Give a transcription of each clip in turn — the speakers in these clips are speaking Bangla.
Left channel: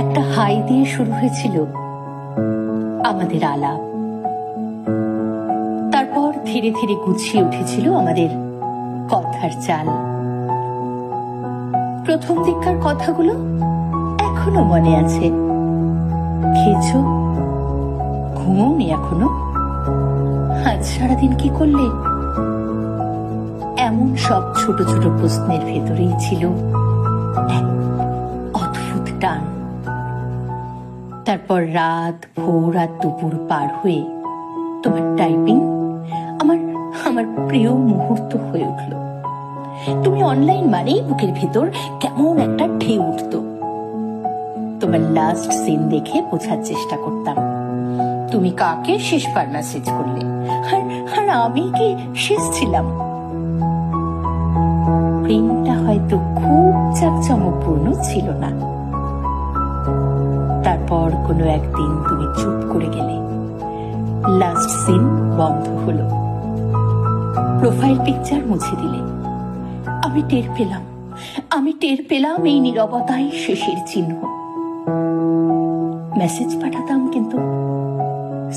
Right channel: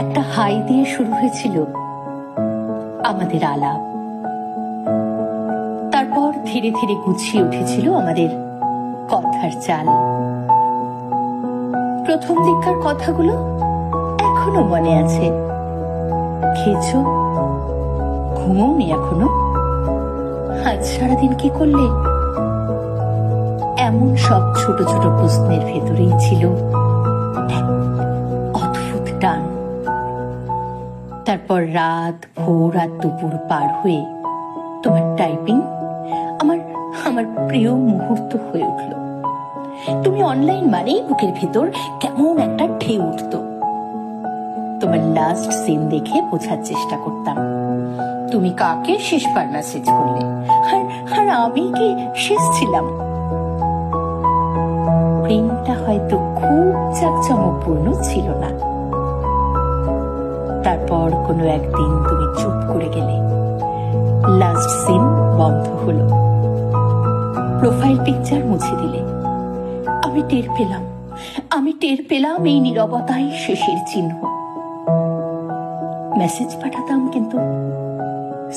একটা হাই দিয়ে শুরু হয়েছিল আমাদের আলাপ। তারপর ধীরে ধীরে গুছিয়ে উঠেছিল আমাদের কথার চাল। প্রথম দিককার কথাগুলো এখনো মনে আছে। খেয়েছো? ঘুমোওনি এখনো? আজ সারাদিন কি করলে? এমন সব ছোট ছোট প্রশ্নের ভেতরেই ছিল এক অদ্ভুত টান। তারপর রাত, ভোর আর দুপুর পার হয়ে তোমার টাইপিং আমার প্রিয় মুহূর্ত হয়ে উঠল। তুমি অনলাইন মানেই বুকের ভেতর কেমন একটা ঢেউ উঠত। তোমার লাস্ট সিন দেখে বোঝার চেষ্টা করতাম তুমি কাকে শেষবার মেসেজ করলে, আর আমি কি শেষ ছিলাম। প্রেমটা হয়তো খুব জাঁকজমকপূর্ণ ছিল না। তারপর কোনো একদিন তুমি চুপ করে গেলে, লাস্ট সিন বন্ধ হলো, প্রোফাইল পিকচার মুছে দিলে। আমি টের পেলাম এই নীরবতাই শেষের চিহ্ন। মেসেজ পাঠাতাম কিন্তু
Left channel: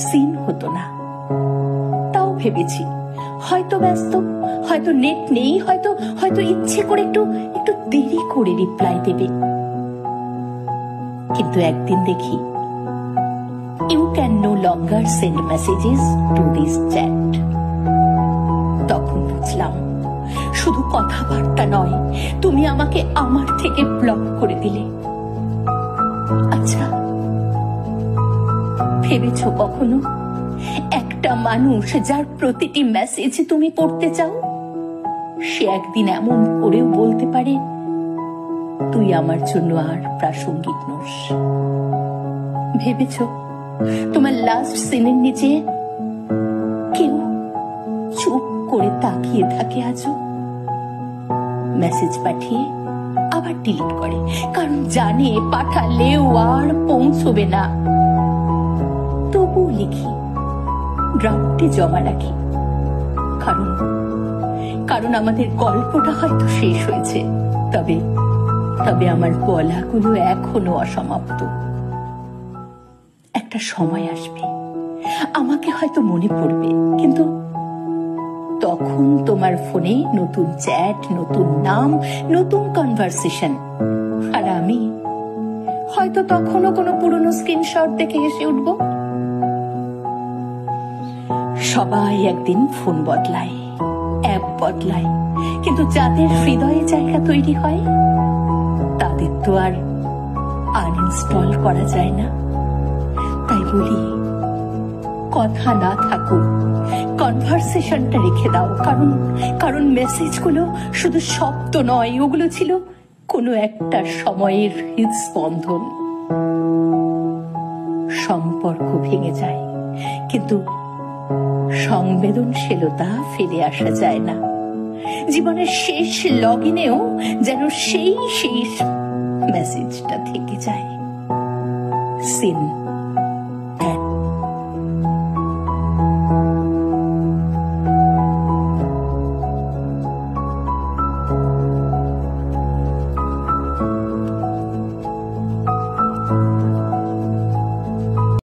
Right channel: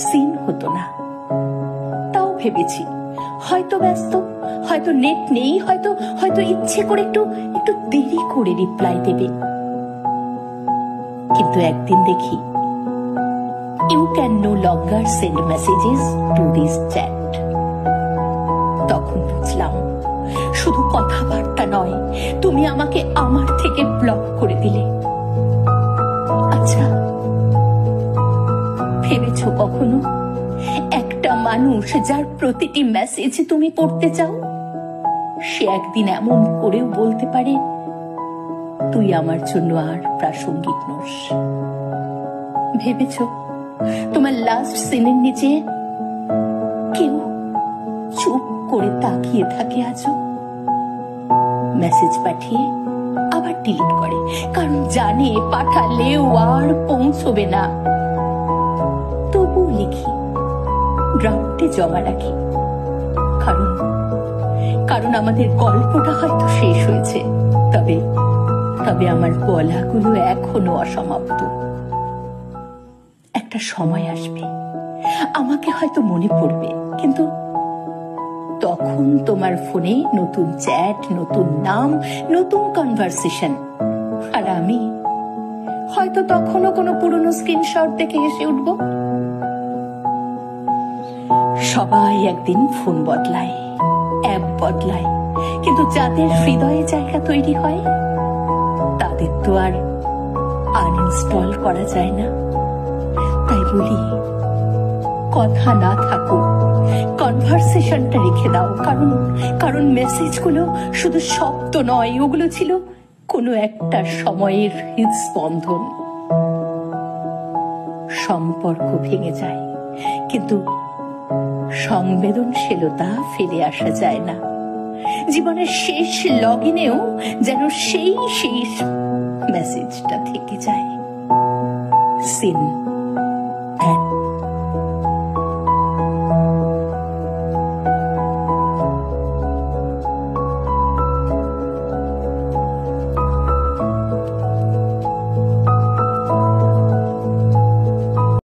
সিন হতো না। তাও ভেবেছি হয়তো ব্যস্ত, হয়তো নেট নেই, হয়তো ইচ্ছে করে একটু দেরি করে রিপ্লাই দেবে। কিন্তু একদিন দেখি you can no longer send messages to this chat. তখন বুঝলাম শুধু কথাবার্তা নয়, তুমি আমাকে আমার থেকে ব্লক করে দিলে। আচ্ছা, ভেবেছো কখনো একটা মানুষ যার প্রতিটি মেসেজ তুমি পড়তে চাও, সে একদিন এমন করেও বলতে পারে তুই আমার জন্য আর প্রাসঙ্গিক নোস? ভেবেছো তোমার লাস্ট সিনের নিচে কেউ চুপ করে তাকিয়ে থাকে আজও? মেসেজ পাঠিয়ে আবার ডিলিট করে, কারণ জানে পাঠালেও আর পৌঁছবে না। তবুও লিখি, ড্রাফটে জমা রাখি, কারণ আমাদের গল্পটা হয়তো শেষ হয়েছে, তবে আমার বলাগুলো এখনো অসমাপ্ত। একটা সময় আসবে আমাকে হয়তো মনে পড়বে, কিন্তু তখন তোমার ফোনে নতুন চ্যাট, নতুন নাম, নতুন কনভারসেশন, আর আমি হয়তো তখনও কোনো পুরনো স্ক্রিনশট দেখে হেসে উঠব। সবাই একদিন ফোন বদলায়, অ্যাপ বদলায়, কিন্তু যাদের হৃদয়ে জায়গা তৈরি হয় তাদের তো আর আনইনস্টল করা যায় না। তাই বলি, কথা না থাকুক, কনভারসেশনটা রেখে দাও, কারণ মেসেজগুলো শুধু শব্দ নয়, ওগুলো ছিল কোনো একটা সময়ের হৃদস্পন্দন। সম্পর্ক ভেঙে যায়, কিন্তু সংবেদনশীলতা ফেলে আসা যায় না। জীবনের শেষ লগইনেও যেন সেই শেষ মেসেজটা থেকে যায়। সিন।